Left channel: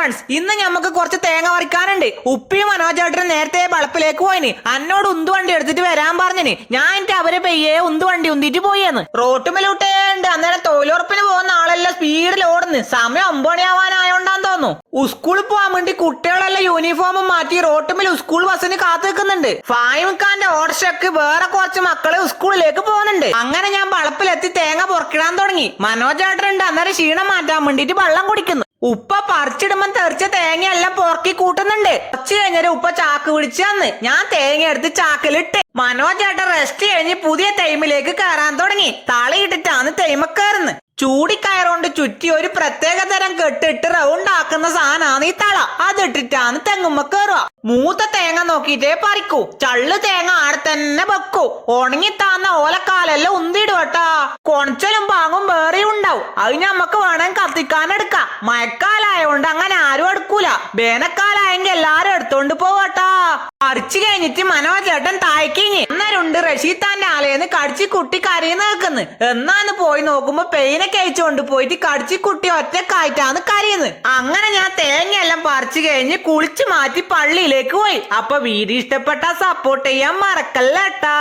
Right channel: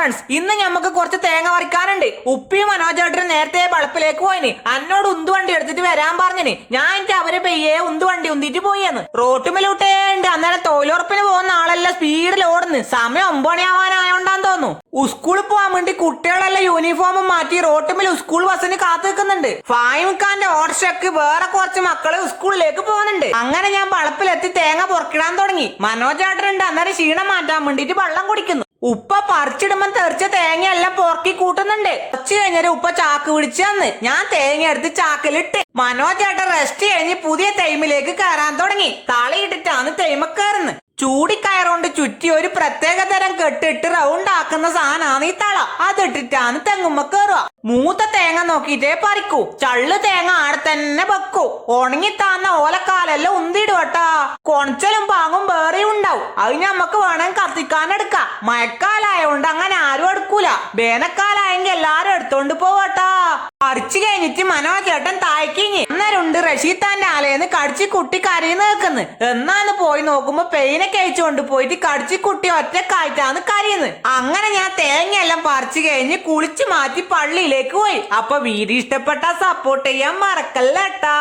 Friends, ഇന്ന് ഞമ്മക്ക് കുറച്ച് തേങ്ങ പറിക്കാനുണ്ട്. ഉപ്പിയും മനോജേട്ടനും നേരത്തെ വളപ്പിലേക്ക് പോയിന്. എന്നോട് ഉന്തുവണ്ടി എടുത്തിട്ട് വരാൻ പറഞ്ഞിന്. ഞാൻ എനിക്ക് അവരെ പെയ്യെ ഉന്തുവണ്ടി ഉന്തിട്ട് പോയെന്ന്. റോട്ടുമേലൂട്ടേണ്ട് അന്നേരം തൊഴിലുറപ്പിന് പോകുന്ന ആളെല്ലാം സ്പീഡിൽ ഓടുന്നു. സമയം 9 മണിയാവാനായോണ്ടാന്ന് തോന്നുന്നു. സ്കൂളിൽ പോകാൻ വേണ്ടി കുട്ടികളെല്ലാം യൂണിഫോമും മാറ്റി റോട്ടുമേൽ സ്കൂൾ ബസ്സിന് കാത്തു വെക്കുന്നുണ്ട്. ഫായിമിക്കാന്റെ ഓട്ടോറിക്ഷക്ക് വേറെ കുറച്ച് മക്കള് സ്കൂളിലേക്ക് പോകുന്നുണ്ട്. അങ്ങനെ ഞാൻ വളപ്പിലെത്തി തേങ്ങ പൊറക്കിടാൻ തുടങ്ങി. മനോജേട്ടനുണ്ട് അന്നേരം ക്ഷീണം മാറ്റാൻ വേണ്ടിട്ട് വെള്ളം കുടിക്കുന്നു. ഉപ്പ പറിച്ചിടുമ്പോ തെറിച്ച തേങ്ങയെല്ലാം പൊറക്കി കൂട്ടുന്നുണ്ട്. കുറച്ച് കഴിഞ്ഞൊരു ഉപ്പ ചാക്ക് പിടിച്ചു തന്ന്. ഞാൻ തേങ്ങ എടുത്ത് ചാക്കിലിട്ട്. മനോജേട്ടൻ റെസ്റ്റ് കഴിഞ്ഞ് പുതിയ തൈമിലേക്ക് കയറാൻ തുടങ്ങി. തളയിട്ടിട്ടാണ് തൈമ കയറുന്നത്. ചൂടിക്കയറുകൊണ്ട് ചുറ്റി ഒരു പ്രത്യേക തരം കെട്ടിട്ട് റൗണ്ട് ആക്കുന്ന സാധനമാണ് ഈ തള. അതിട്ടിട്ടാണ് തെങ്ങുമ്മ കയറുക. മൂത്ത തേങ്ങ നോക്കിയിട്ടേ പറിക്കൂ. ചള്ളു തേങ്ങ ആടെ തന്നെ വെക്കൂ. ഉണങ്ങിത്താന്ന ഓലക്കാലെല്ലാം ഉന്തിടുവട്ടാ. കൊണച്ചലും പാങ്ങും വേറെ ഉണ്ടാവും. അത് ഞമ്മക്ക് വേണമെങ്കിൽ കത്തിക്കാനെടുക്കാം. മഴക്കാലായോണ്ട് അങ്ങനെ ആരും എടുക്കൂല. വേനൽക്കാലായെങ്കിൽ എല്ലാരും എടുത്തോണ്ട് പോവട്ടാ. പറിച്ചു കഴിഞ്ഞിട്ട് മനോജേട്ടൻ തായ്ക്കിഞ്ഞ്. അന്നേരമുണ്ട് റഷീദാന്റെ ആലേന്ന് കടിച്ചു കുട്ടി കരയുന്ന നിൽക്കുന്നു. എന്നാന്ന് പോയി നോക്കുമ്പോ പെയിനെ കഴിച്ചുകൊണ്ട് പോയിട്ട് കടിച്ചു കുട്ടി ഒറ്റക്കായിട്ടാണ് കരയുന്നത്. അങ്ങനെ ഞാൻ തേങ്ങയെല്ലാം പറിച്ചു കഴിഞ്ഞ് കുളിച്ചു മാറ്റി പള്ളിയിലേക്ക് പോയി. അപ്പൊ വീഡിയോ ഇഷ്ടപ്പെട്ട സപ്പോർട്ട് ചെയ്യാൻ മറക്കല്ലേട്ടാ.